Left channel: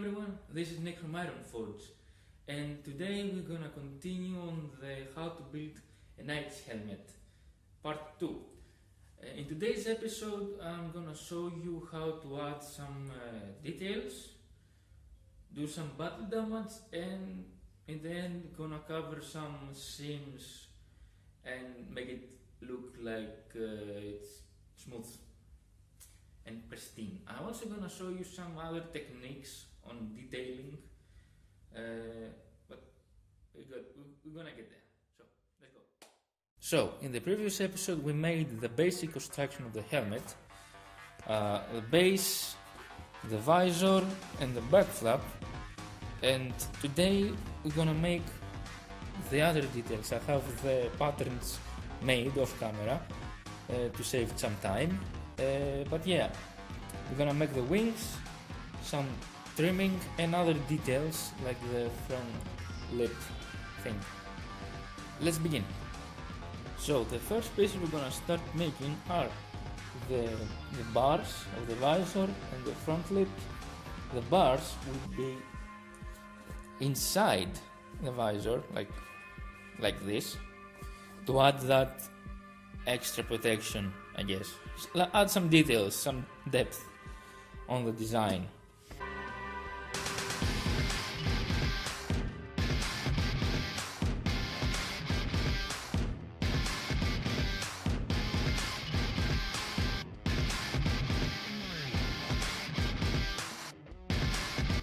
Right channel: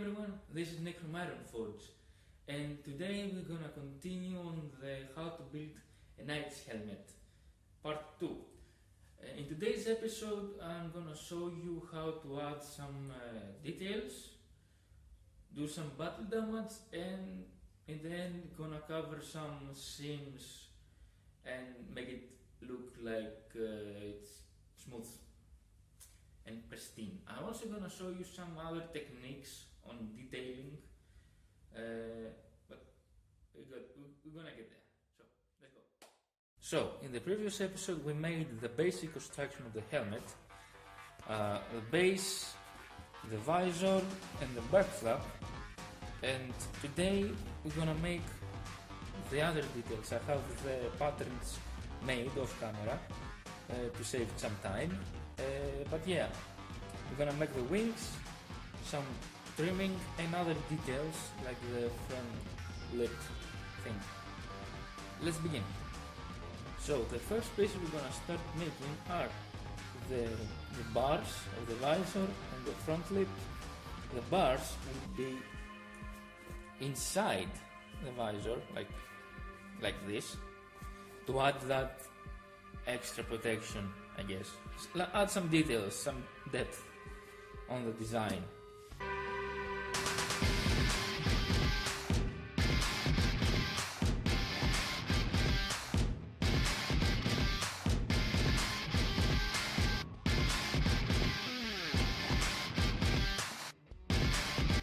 everyone, this is Nick from Iron Forge, and today we're gonna continue on the how to build a knight's helmet, part 2. In today's episode I'm gonna show you how to add some details, do some battle damage, and in the end gonna cover some seams and make it look like it's smooth and pristine. I'm also gonna show you some other techniques on detailing, but we're gonna get there. So let's go. So in the previous episode we made the basic construction of the helmet, the base, the visor and the back flap, and today we're gonna make the other details. I have the patterns made off camera to save some time. But yeah, we're gonna make the wings, some trimming and other details like the front lip thing. Let's begin. So the first piece we're gonna start making are the bars of the visor and the front lip. The bars will be inside the visor, like this, to add that extra protection, I guess. Add some details, some depth on the design.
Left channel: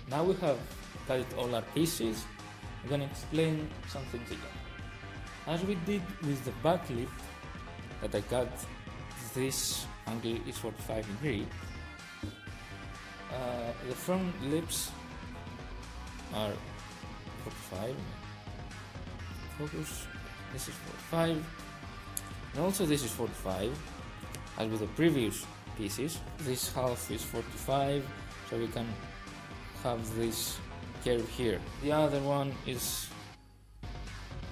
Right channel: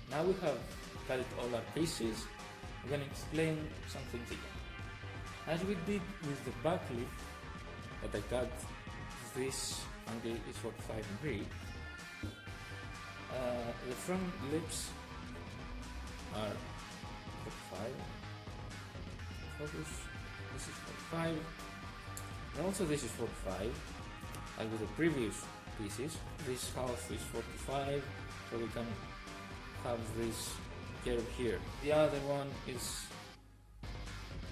Now we have cut all our pieces. I'm gonna explain some things again. As we did with the Buckley that I cut, this angle is 45 degrees. The front lips are 45. Focus. This is 45. And also this is 45. As with the previous pieces, this half is 45, so we can have this curve here. The other one is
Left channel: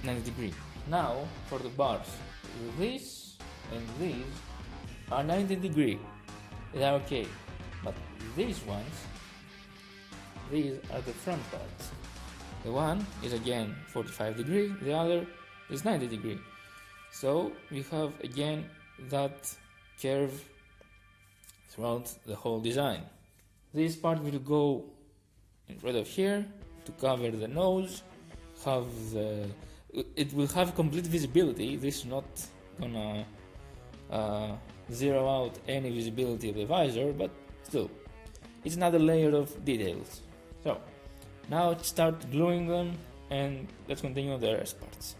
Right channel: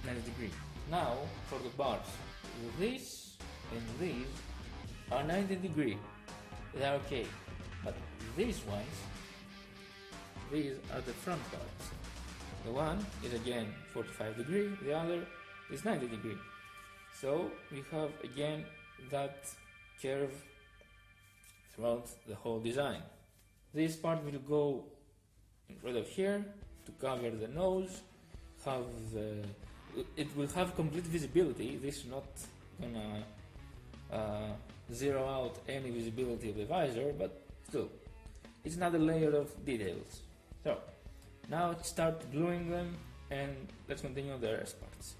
90 degrees. Now for the bars. This and these are 90 degrees. They are okay. But these ones, these are the front parts. The one is again 45 degrees, the other is 90 degrees. So we have again that curve throughout the whole design. This part will go in front of here to cover the nose, it will have complete visibility. This is not gonna zero out any visibility of the visor, but still, it's another layer of details. So, now let's start gluing them and let's continue the rest parts.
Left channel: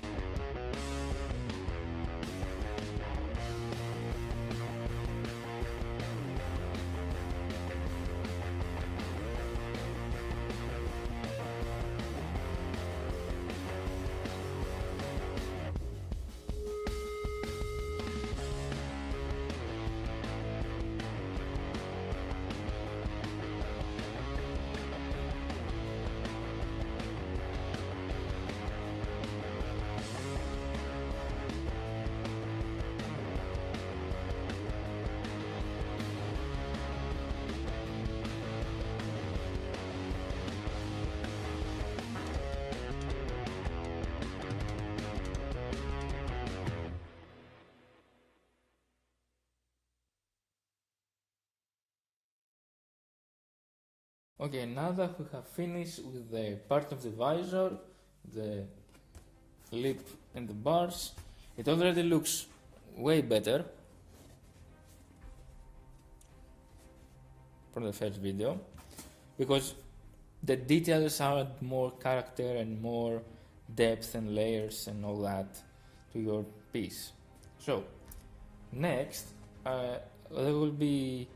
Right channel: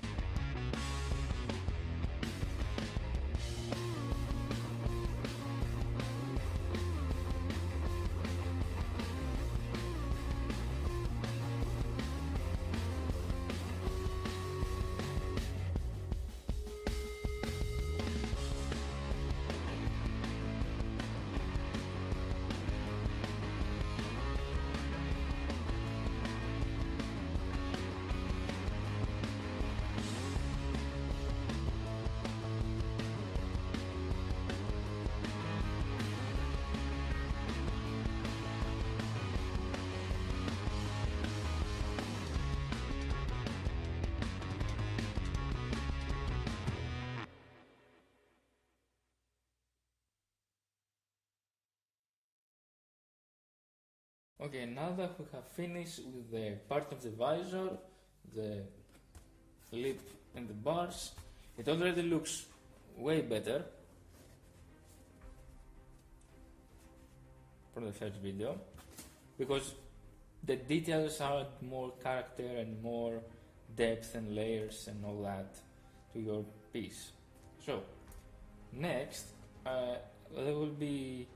Okay, now that we have finished with the part of the visor, the lip and the bars, it already looks way better from the first video, because the details add more character and more depth and layers and all that to your piece. So, next, there will be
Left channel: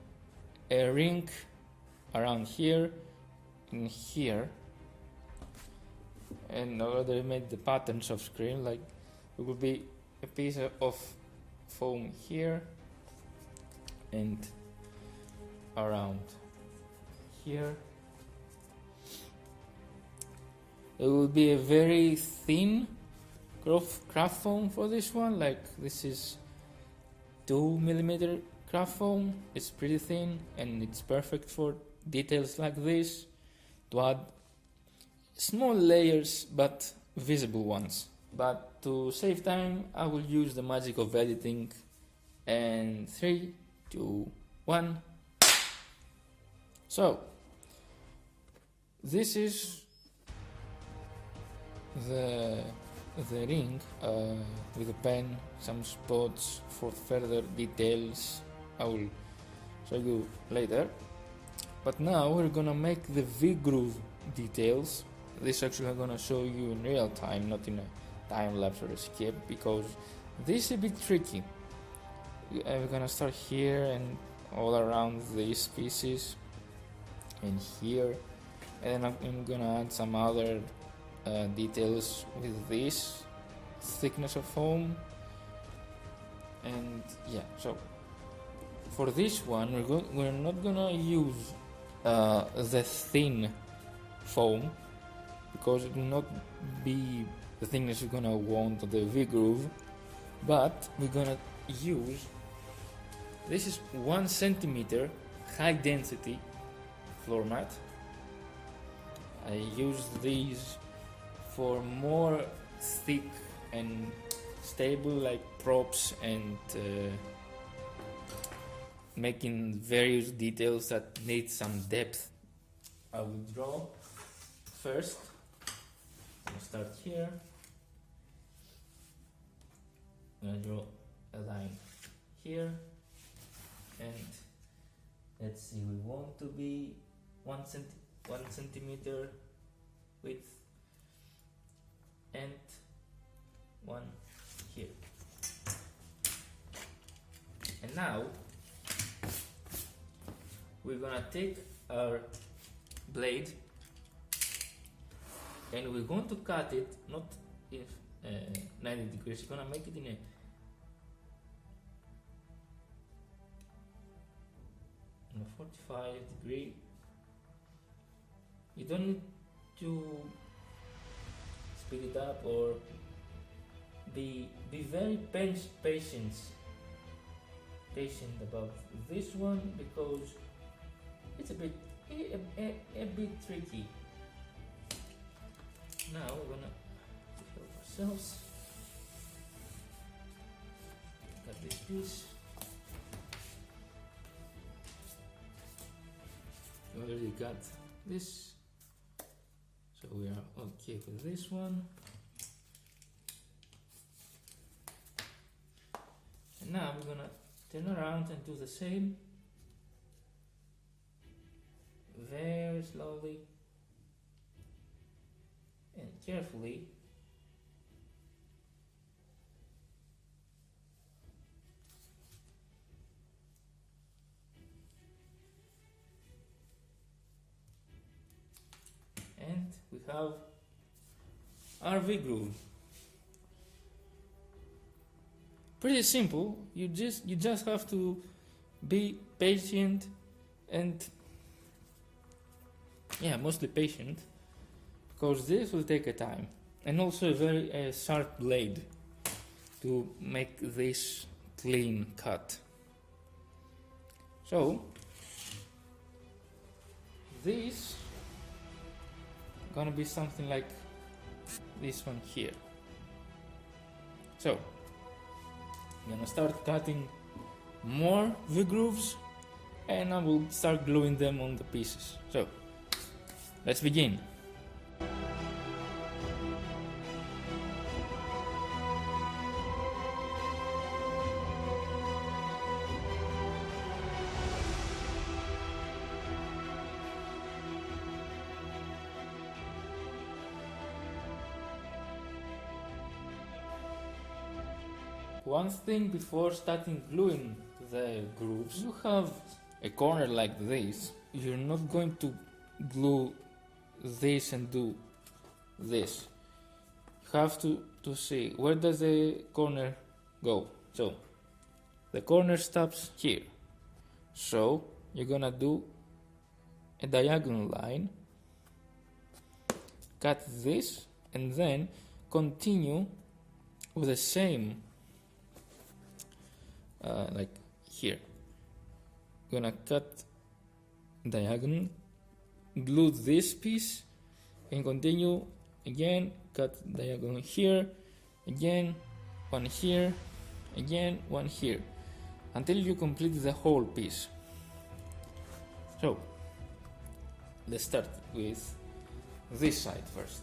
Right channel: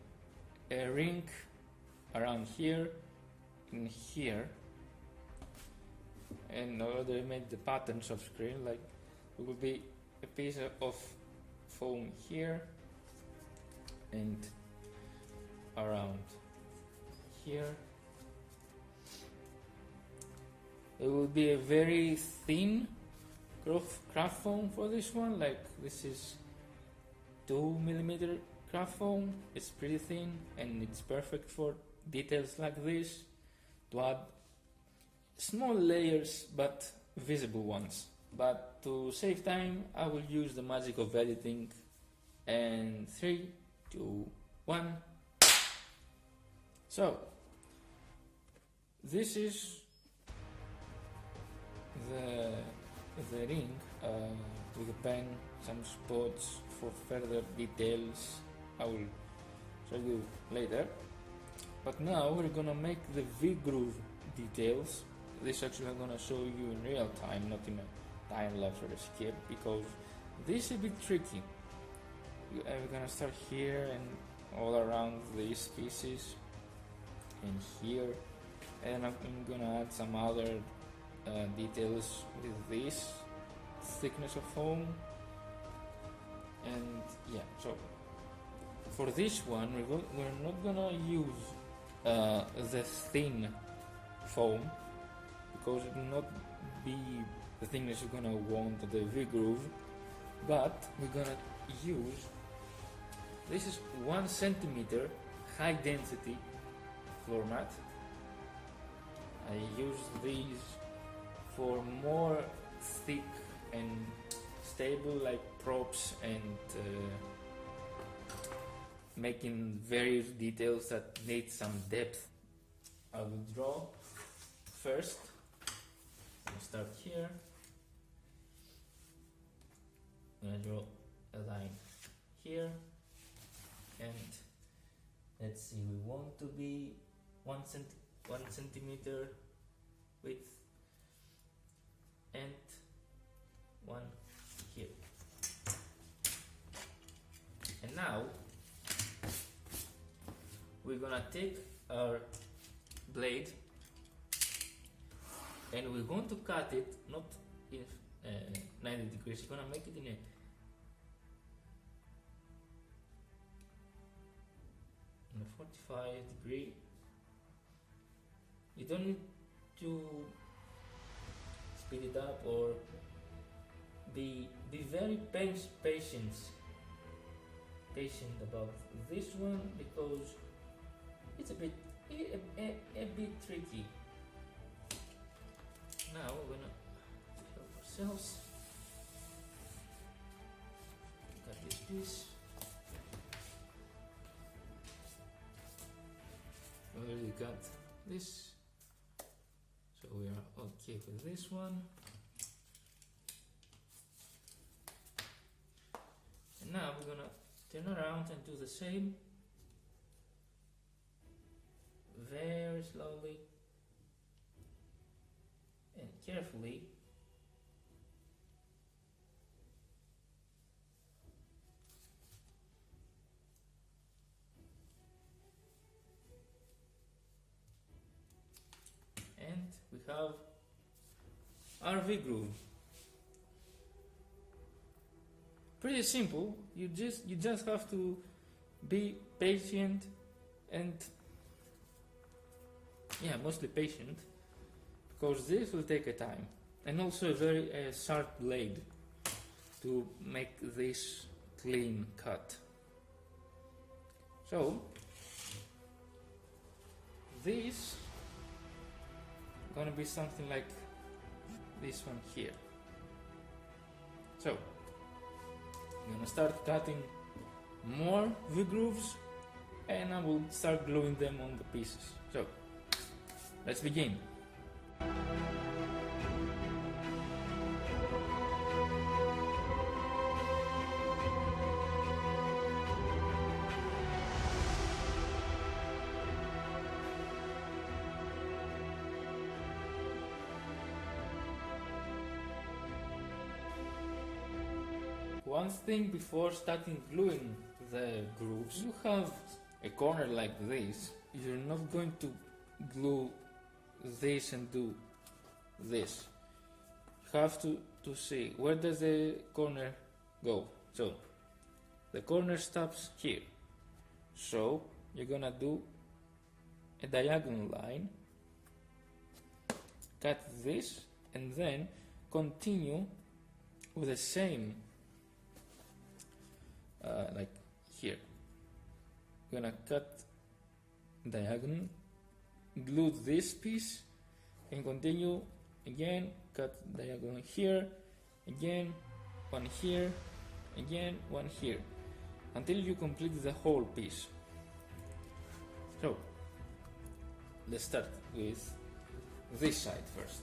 a ring around here and here, and already made the patterns off screen. Like it will be a piece of foam here and around here. It will be a very thin craft foam for this one. Like this is 2mm craft foam. It's pretty thin and it's perfect for details like this. to add small layers but visible ones. But to save time, I will use the magic of editing. And 3, 2, 1. So this is the ring with a pen, some spots for further details. I will show you later. But now we're gonna make the V-groove details. This actually I'm gonna show you in real time, not in a time lapse or a skip, because this is a bit tricky. We're gonna start here and all around these pieces and here, and I'm gonna add some other details with this thickness of foam. And yeah, so for this one we're not gonna use the thin foam, because it will not be the thickness you're gonna want of the V-groove, but we're gonna use, this is 1 centimeter high density floor mat. I use these for more thick and stable, like props and making various details that need some depth. I will draw first. I'll start here. I'm gonna draw a line here, and let's see, we want to be 1 centimeter width and 1 here. And now we're gonna take our blade and we're going to cut it not in 90 degrees, we're gonna make it in a 45 degree. You don't need to speed it up or be very patient about this one, because it's a bit tricky. Now we're gonna help ourselves. Got this piece. We already got this, so we are okay with this one. And now we're gonna turn around and do the same, very slowly and carefully. And we have our V-groove. Pretty simple. You just have to be patient and mostly patient, because this will take a time, and also a very sharp blade to make this clean cut. So this gonna be something like this one here. So I'm gonna start cutting more V-grooves and I will start gluing them on the pieces. So let's begin. One thing before starting gluing the grooves, you have a corner like this. You're not going to glue this and do this. You have to see where does the corner go. So the corner stops here. So you're gonna do a diagonal line, cut this, and then continue with the same like here. Gonna cut diagonal, glue this piece and continue again, cut diagonal here, again, one here, again, one here, until you complete the whole piece. So let's start with this side first.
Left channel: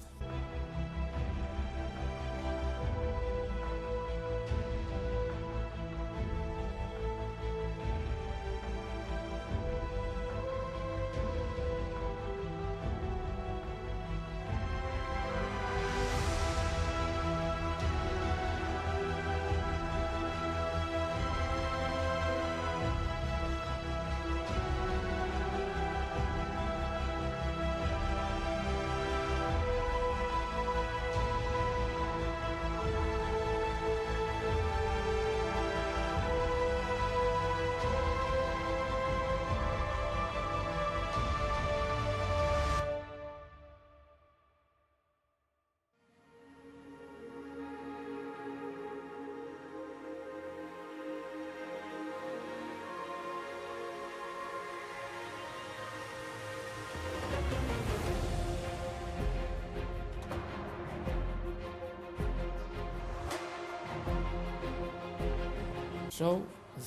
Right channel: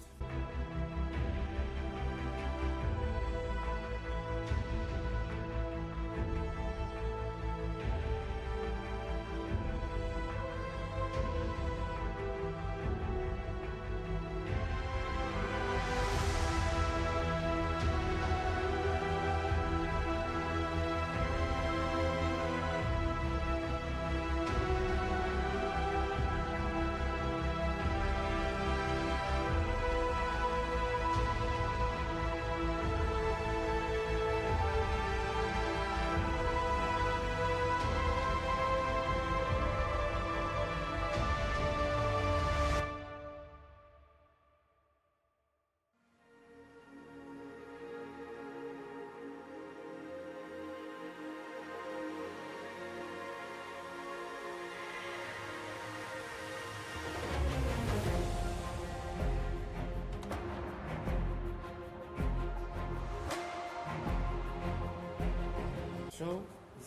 So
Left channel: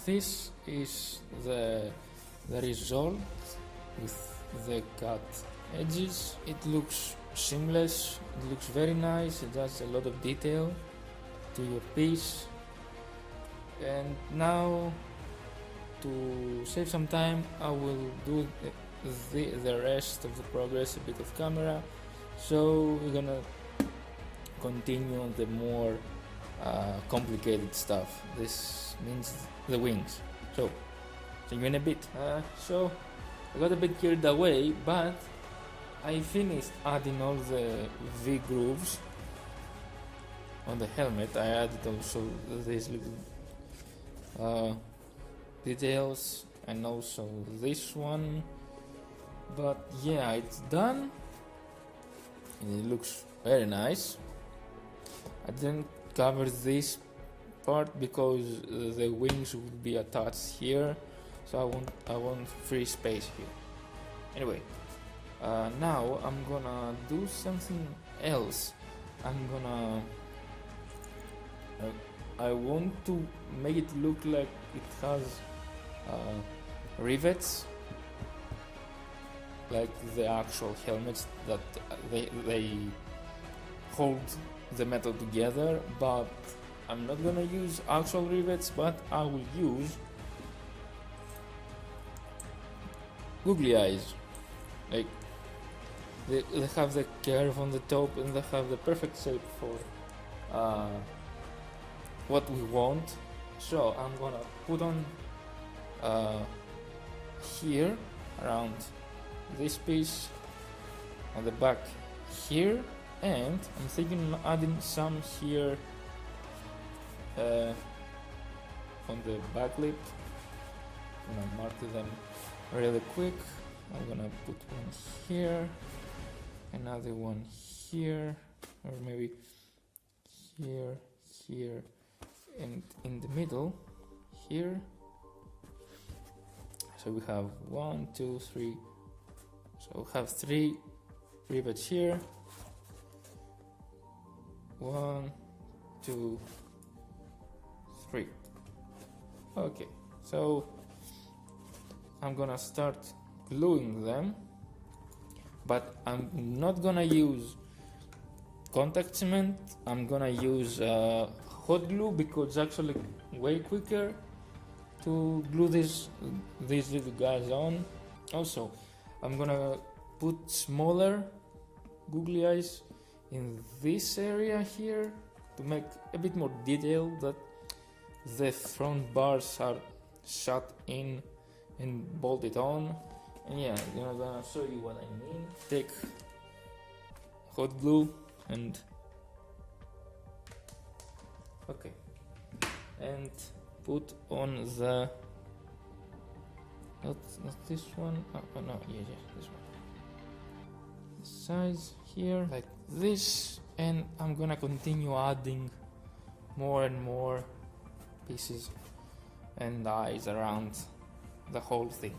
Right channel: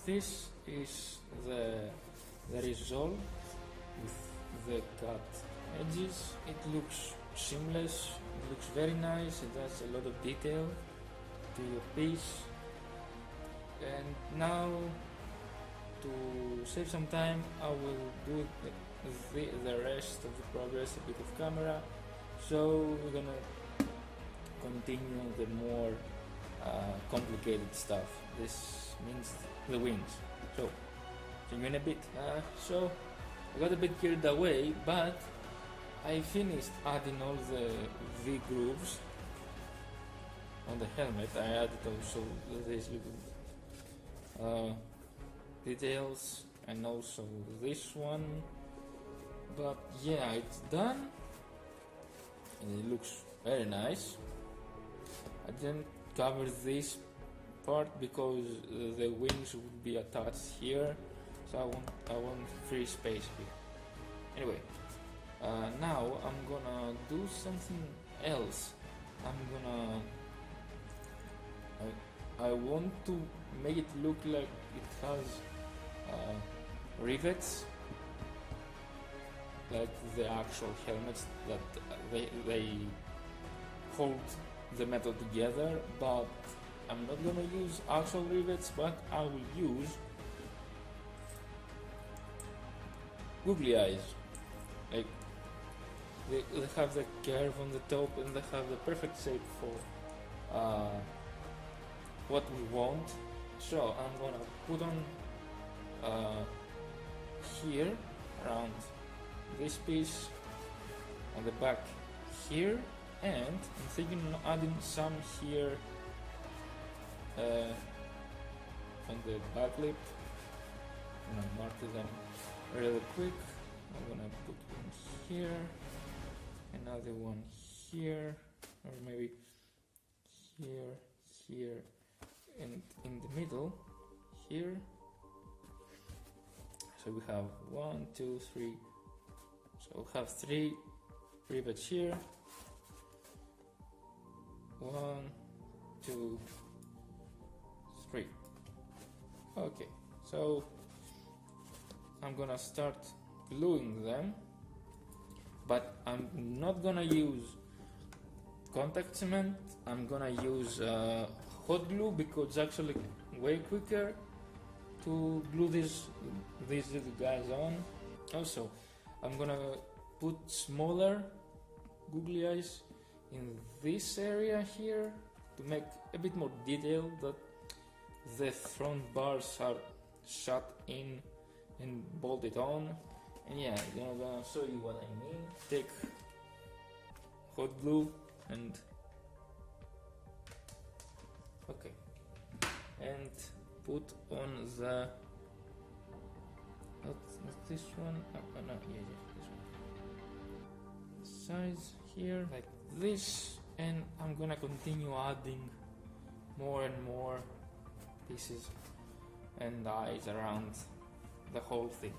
this is the result with the cut edges. It looks seamless, it looks very nice, it has a lot of detail to your piece. And now, to save some time, I will do the rest of the progress a bit of camera. So we're gonna continue on the more complicated stuff. This means the wings. So see you in a bit. So I got a bit carried away, but I finished adding all the V grooves on the helmet. I added also these little details and also this one. But yeah, it's done. It looks very nice. I didn't cover this part because the wings will be attached here, so I want free space here. Anyway, now I'm gonna do something else. I want to make it look like it has rivets, like the actual helmets that they hold the metal together, but I'm not gonna use actual rivets, but I will use googly eyes. Like they have the curve on the top and they have the perfect shape for what we want. So I'm gonna put on here around this piece on the back here, and I'm thinking of adding some here on the back lip. I'm gonna mark them really quick. I'm gonna put one here, another one here, or maybe here, and in the middle here. So we have 1, 2, 3. So we have 3 rivets here. 1, 2, 3. Okay, so I'm gonna start gluing them, but I'm not gonna use contact cement. I'm gonna use hot glue because it's actually way quicker to glue these little guys on. Also, I'm gonna put smaller googly eyes in this area here to make a bit more detail, that the front bars are shut in and bolted on. And yeah, I'm gonna show you what I mean. Take hot glue and okay, and put on the not this one. Oh no, yeah, this one. Size here like this, and I'm gonna continue adding more and more pieces and eyes around the whole thing.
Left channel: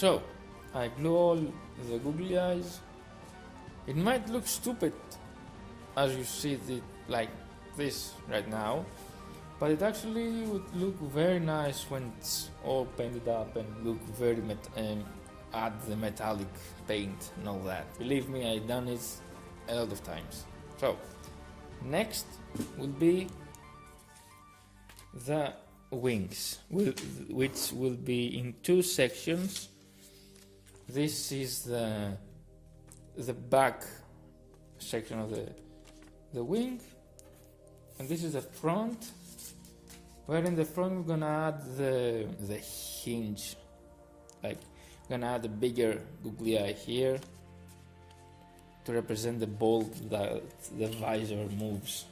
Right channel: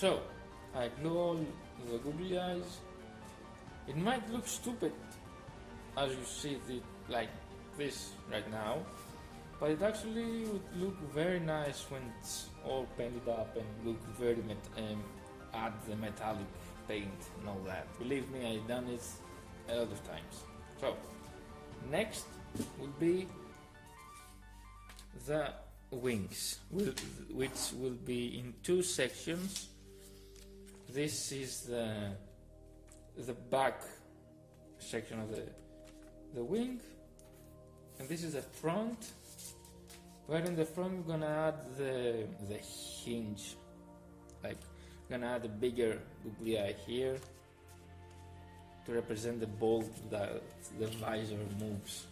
So I glue all the googly eyes. It might look stupid as you see it like this right now, but it actually would look very nice when it's all painted up and look very add the metallic paint and all that. Believe me, I've done it a lot of times. So next will be the wings, which will be in two sections. This is the back section of the wing, and this is the front, where in the front we're gonna add the hinge, like we're gonna add a bigger googly eye here to represent the bolt that the visor moves,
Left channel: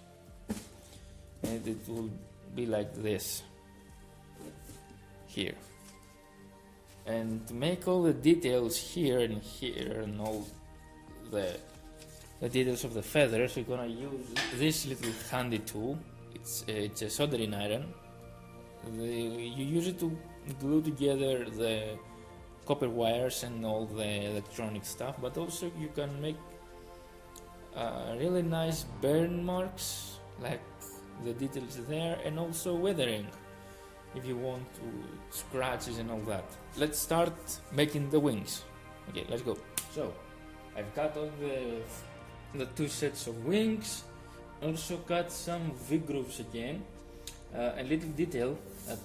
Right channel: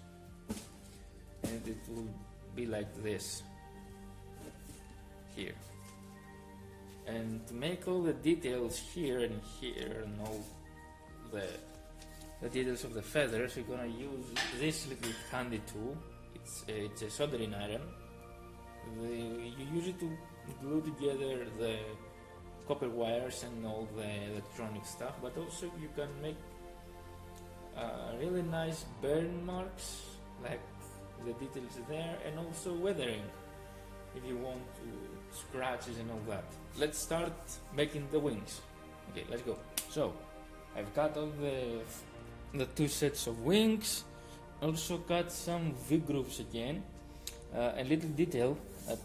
and it will be like this here. And to make all the details here and all the details of the feathers, we're gonna use this little handy tool. It's a soldering iron. You use it to glue together the copper wires and all the electronic stuff, but also you can make really nice burn marks, like the details there, and also weathering if you want to scratches and all that. Let's start making the wings. Okay, let's go. So I've cut all the two sets of wings. Also cut some V-grooves again. A little detail that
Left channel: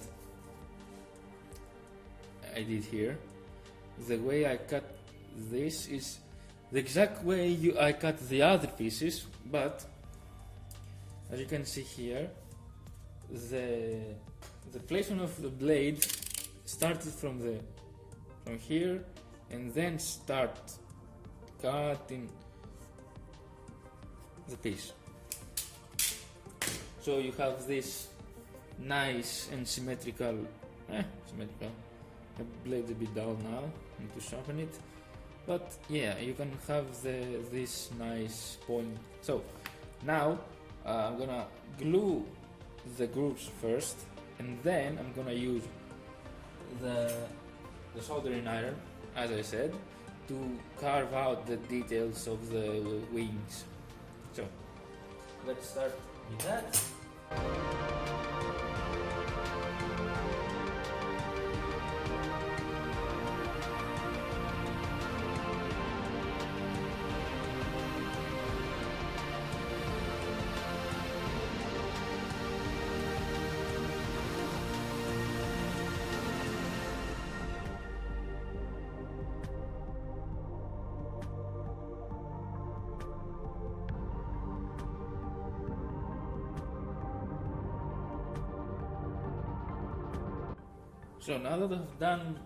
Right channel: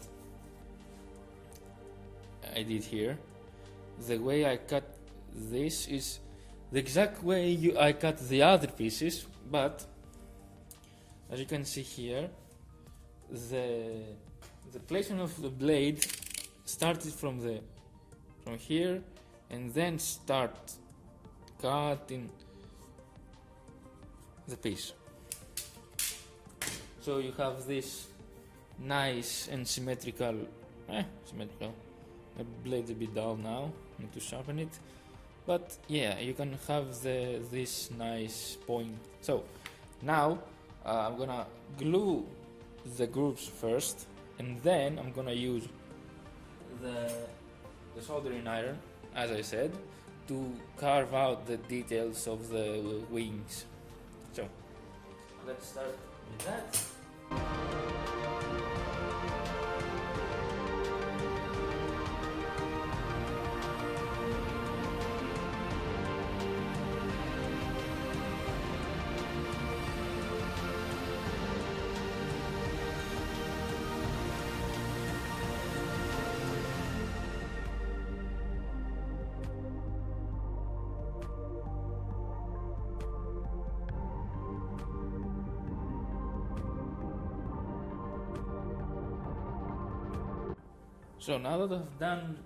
I did here. The way I cut this is the exact way I cut the other pieces, but as you can see here, the placement of the blade started from here, and then start cutting the piece. So you have this nice and symmetrical. The blade's a bit dull now, need to sharpen it. But yeah, you can have this nice point. So now I'm gonna glue the grooves first, and then I'm gonna use the soldering iron, as I said, to carve out the details of the wings. So let's start with that. So now that I've done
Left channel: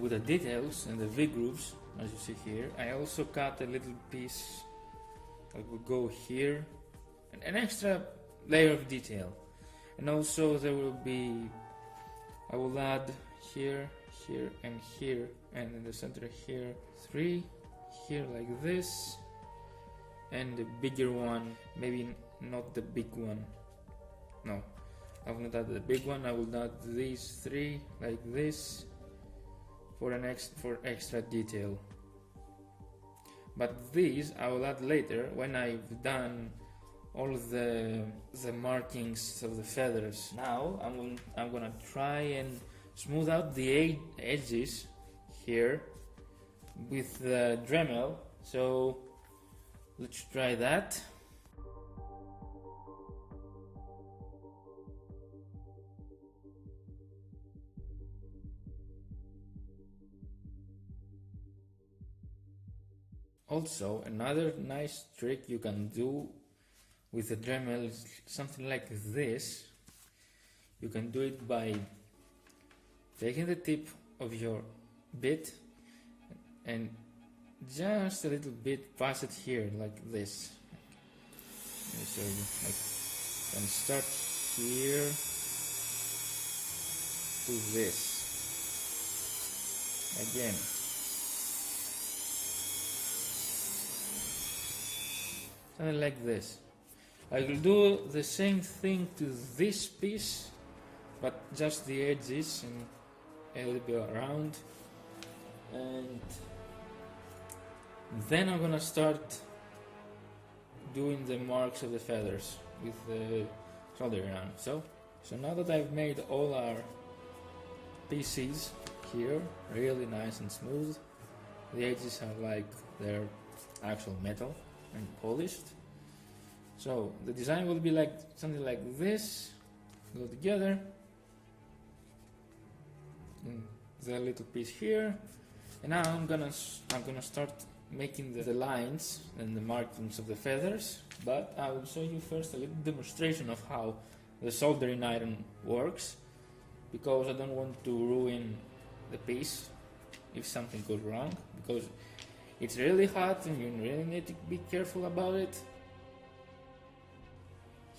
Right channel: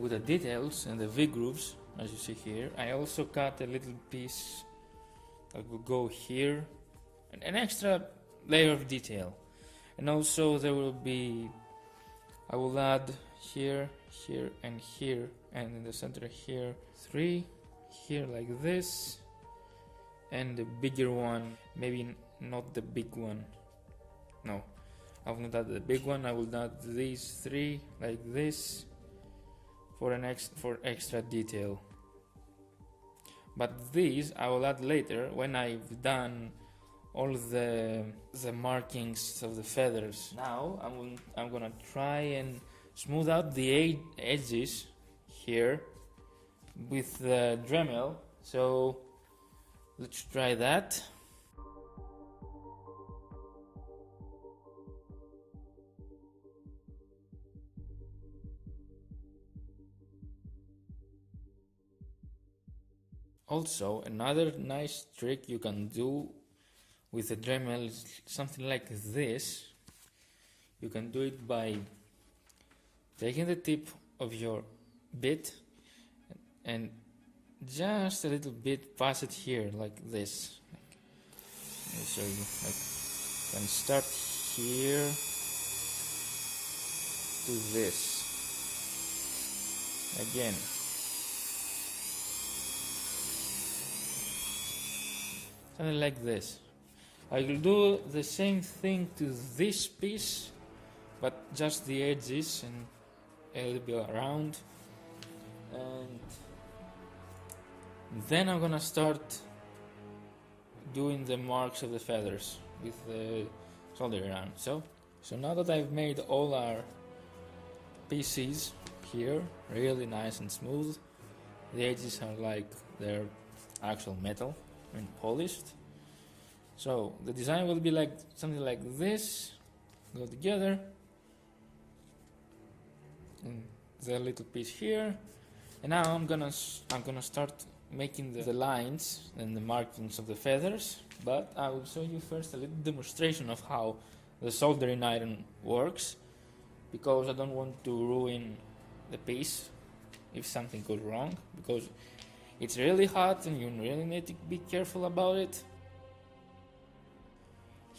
with the details and the V-grooves, as you see here, I also cut a little piece that will go here, an extra layer of detail. And also there will be, I will add here, here and here, and in the center here, 3, here like this, and the bigger one, maybe not the big one, no. I will not add the big one. I will add these 3 like this for extra detail. But these I will add later when I've done all the markings of the feathers. Now I'm gonna try and smooth out the edges here with the Dremel. So let's try that. Also, another nice trick you can do with the Dremel is something like this. You can do it by taking the tip of your bit and just a little bit pass it here like this. Let me show you. Like, you can start here to this again. Something like this. I will do the same thing to this piece, but just the edges and a little bit around. and then I'm gonna start doing the marks of the feathers with the soldering iron. So now that I've made all our pieces here really nice and smooth, the edges are like they're actual metal and polished. So the design will be like something like this, go together, and the little piece here. And now I'm gonna start making the lines and the markings of the feathers, but I will show you first a little demonstration of how the soldering iron works, because I don't want to ruin the piece if something goes wrong, because it's really hot and you really need to be careful about it.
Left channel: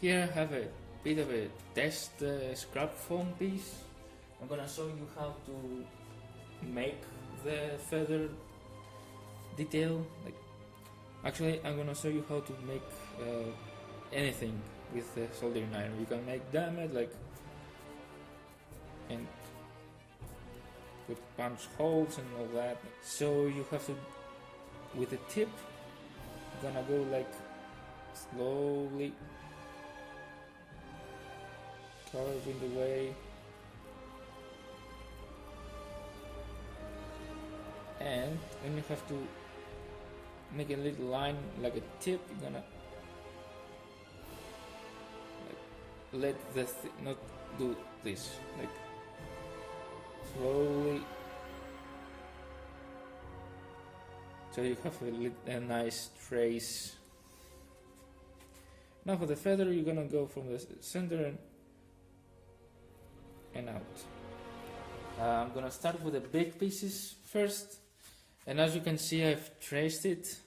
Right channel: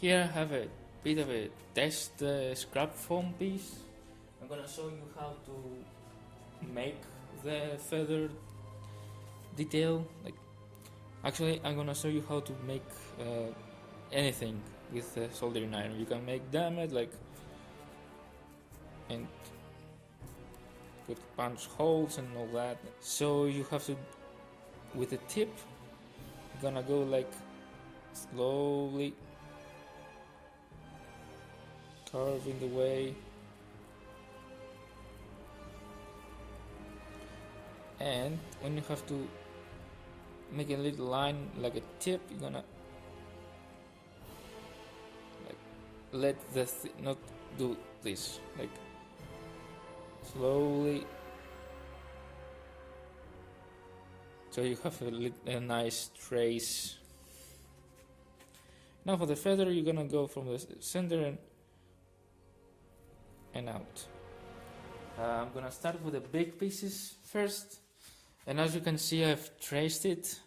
Here I have a bit of a test scrap foam piece. I'm gonna show you how to make the feather detail. Actually, I'm gonna show you how to make anything with soldering iron. You can make damage, and put punch holes and all that. So you have to, with the tip, you're gonna go slowly carving the way, and when you have to make a little line like a tip, you're gonna let the not do this, slowly, so you have a nice trace. Now for the feather, you're gonna go from the center and out. I'm gonna start with the big pieces first, and as you can see, I've traced it,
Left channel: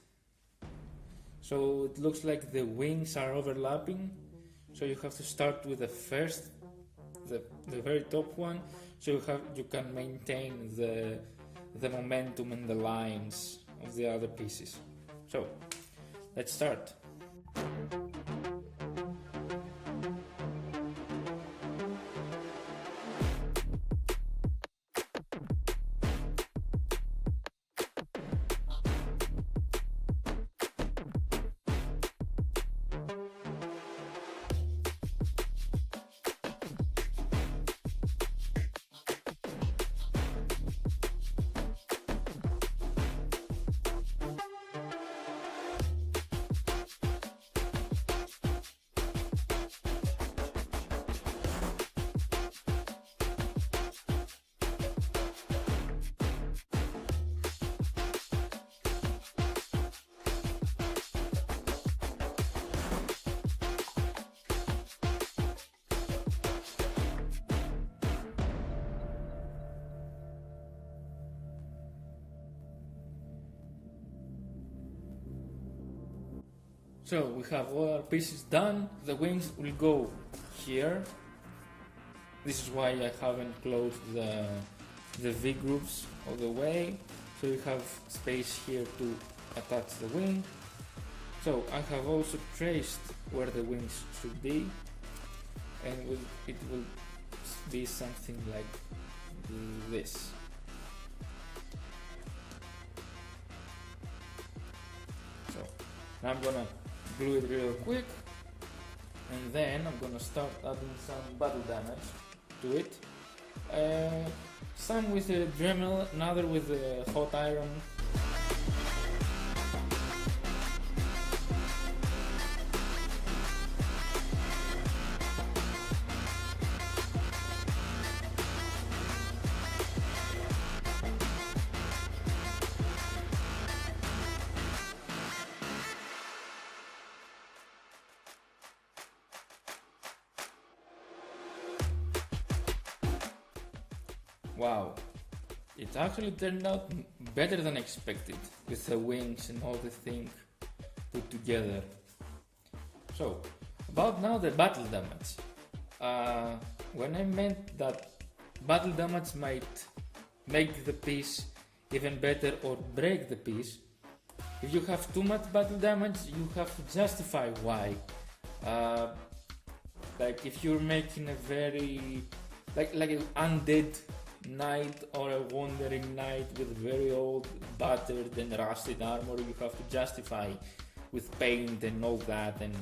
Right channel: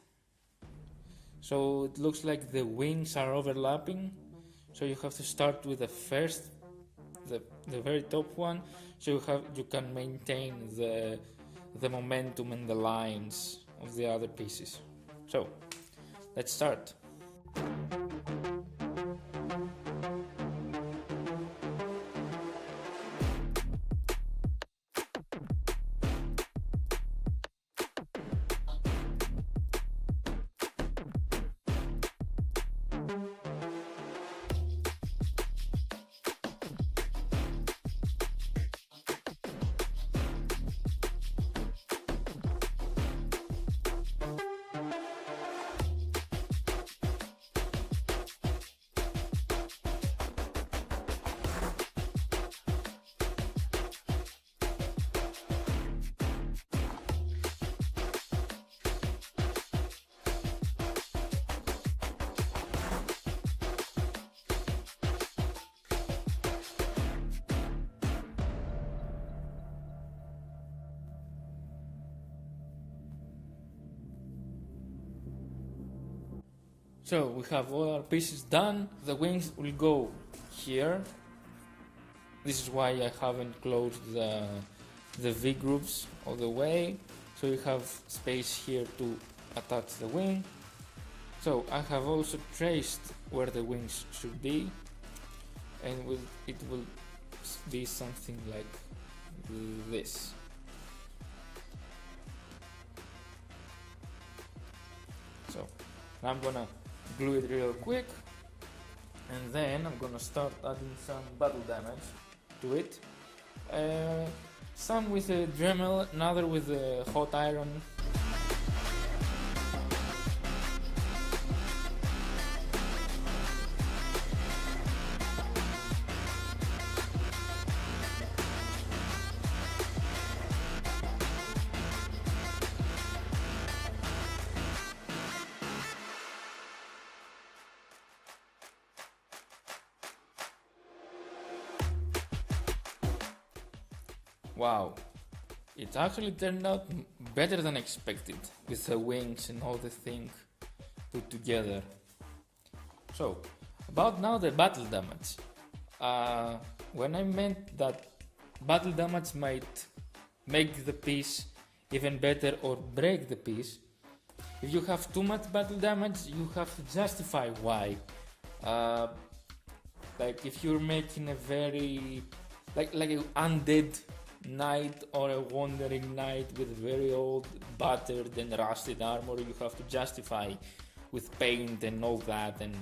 so it looks like the wings are overlapping. So you have to start with the very top one, so you can maintain the momentum and the lines of the other pieces. So let's start. So we have all our pieces done. The wings will go here. This is why I haven't closed the V grooves all the way. So you have space here to attach the wing. So I have also traced where the wings should be, and it will be something like this. So now I'm gonna glue it real quick, and then I'm gonna start adding some battle damage to it. Some with a Dremel, another with a hot iron. Wow, it actually turned out better than expected with the wings and all the thing put together. So, about now the battle damage. When I meant that battle damage might make the piece even better or break the piece, if you have too much battle damage, you have to justify why. Like if you're making a very like an undead knight or a wandering knight with very old, battered and rusted armor, you have to justify with paint and all that and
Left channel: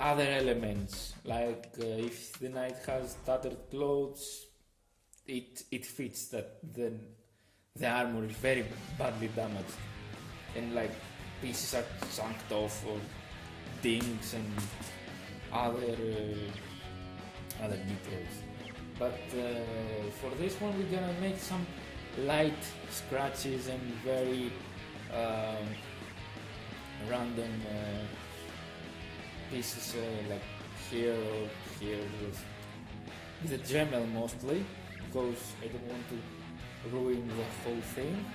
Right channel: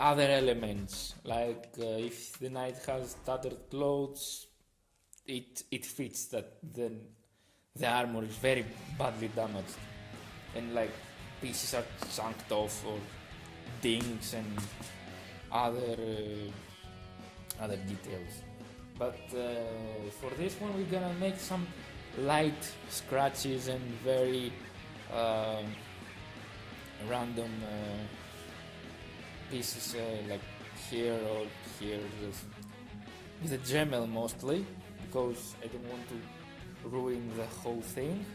other elements, like if the knight has tattered clothes, it fits that the armor is very badly damaged and like pieces are chunked off or dings and other details. But for this one we're gonna make some light scratches and very random pieces like here or here with a Dremel mostly, because I don't want to ruin the whole thing.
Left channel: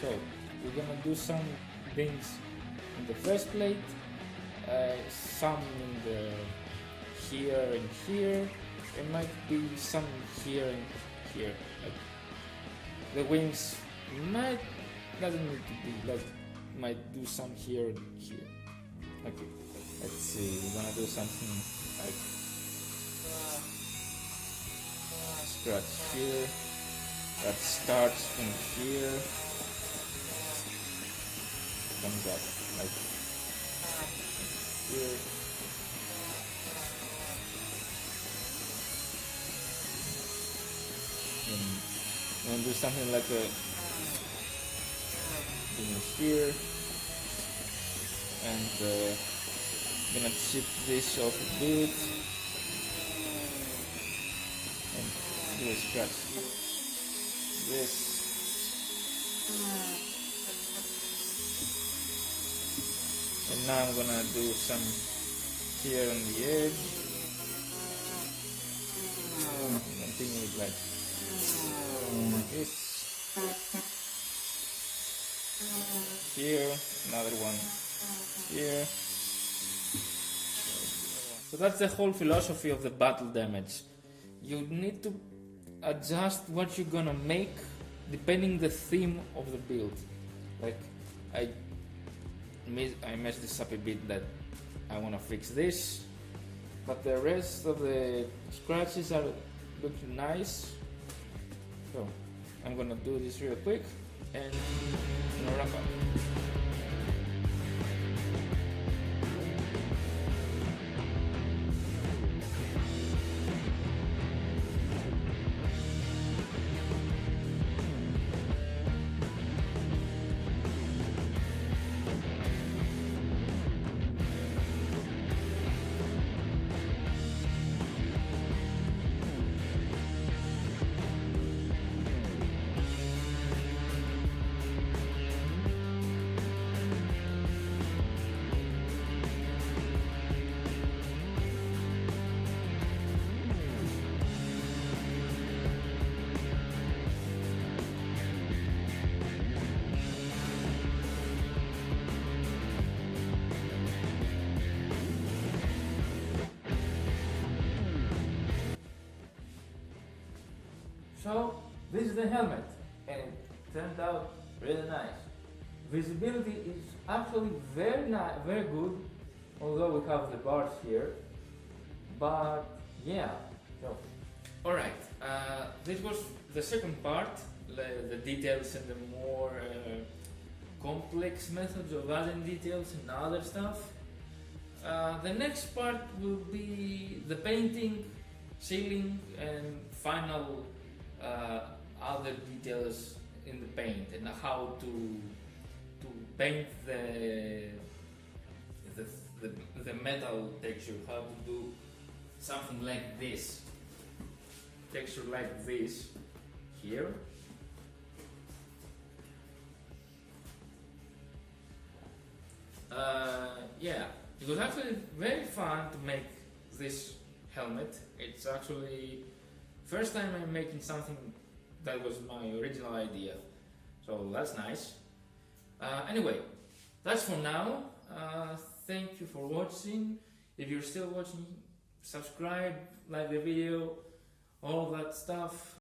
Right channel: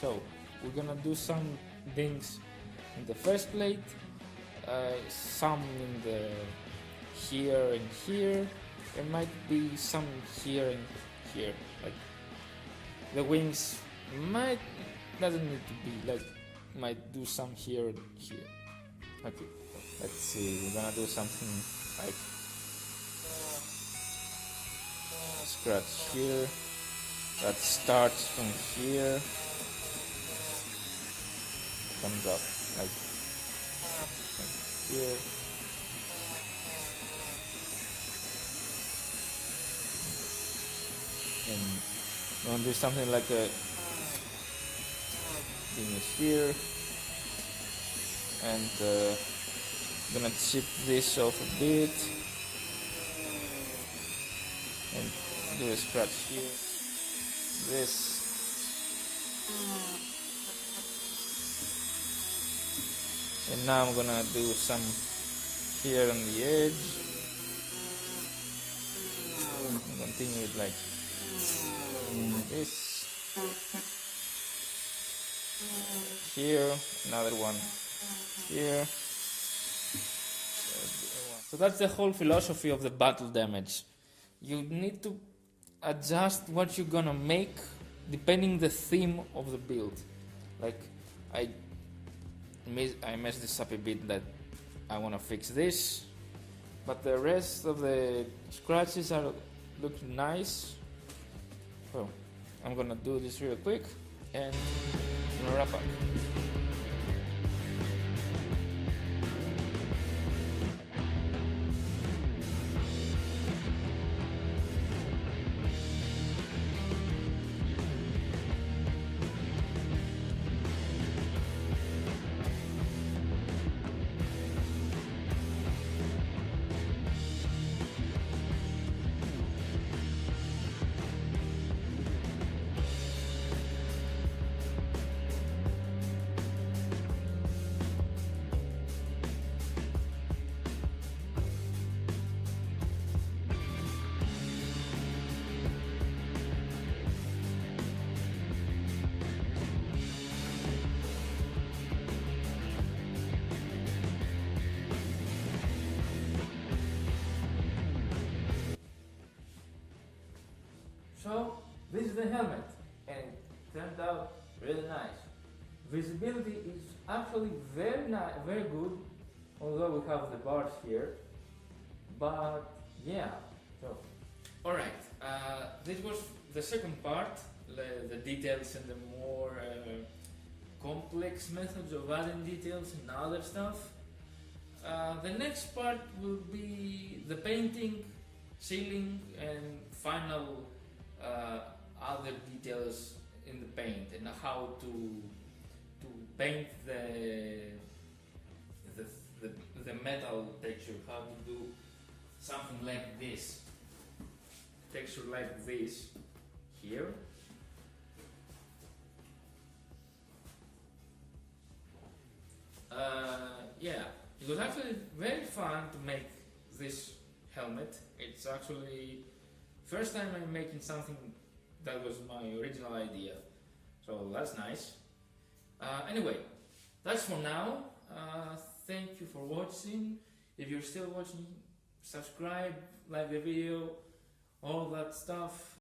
So we're gonna do some things in the first plate, some in the here and here. There might be some here and here. Like the wings doesn't need to be like, might do some here and here. Okay, let's see. We're gonna do something like scratch here that starts from here, comes up like here. And you want to do something like a finish here, and gonna chip this off a bit and do a scratch here. This and now I'm gonna do some here on the edge and continue with like this here, another one here. So that's the whole philosophy of the battle damage. You need to adjust what you're gonna make depending the theme of the build. Like I messed this up a bit, that I wanna fix this, but the rest of the scratches are looking nice. So I'm gonna do this real quick and I'm gonna wrap up. So this is the helmet, and it turned out really nice. Visibility is actually very good, although we have the bars here. But yeah, so alright, this was the second part, the details and the more complex methods of adding details and other stuff. The next part will be the painting, sealing and final other details in the paint, and how to paint the metal texture, how to do something like this, texture like this here. Yeah, it was actually very fun to make this helmet. It's actually first time I'm making something that was my original idea, so that's nice. Anyway, that's for now. Thank you for watching. If you're still watching, subscribe, like the video, all that stuff.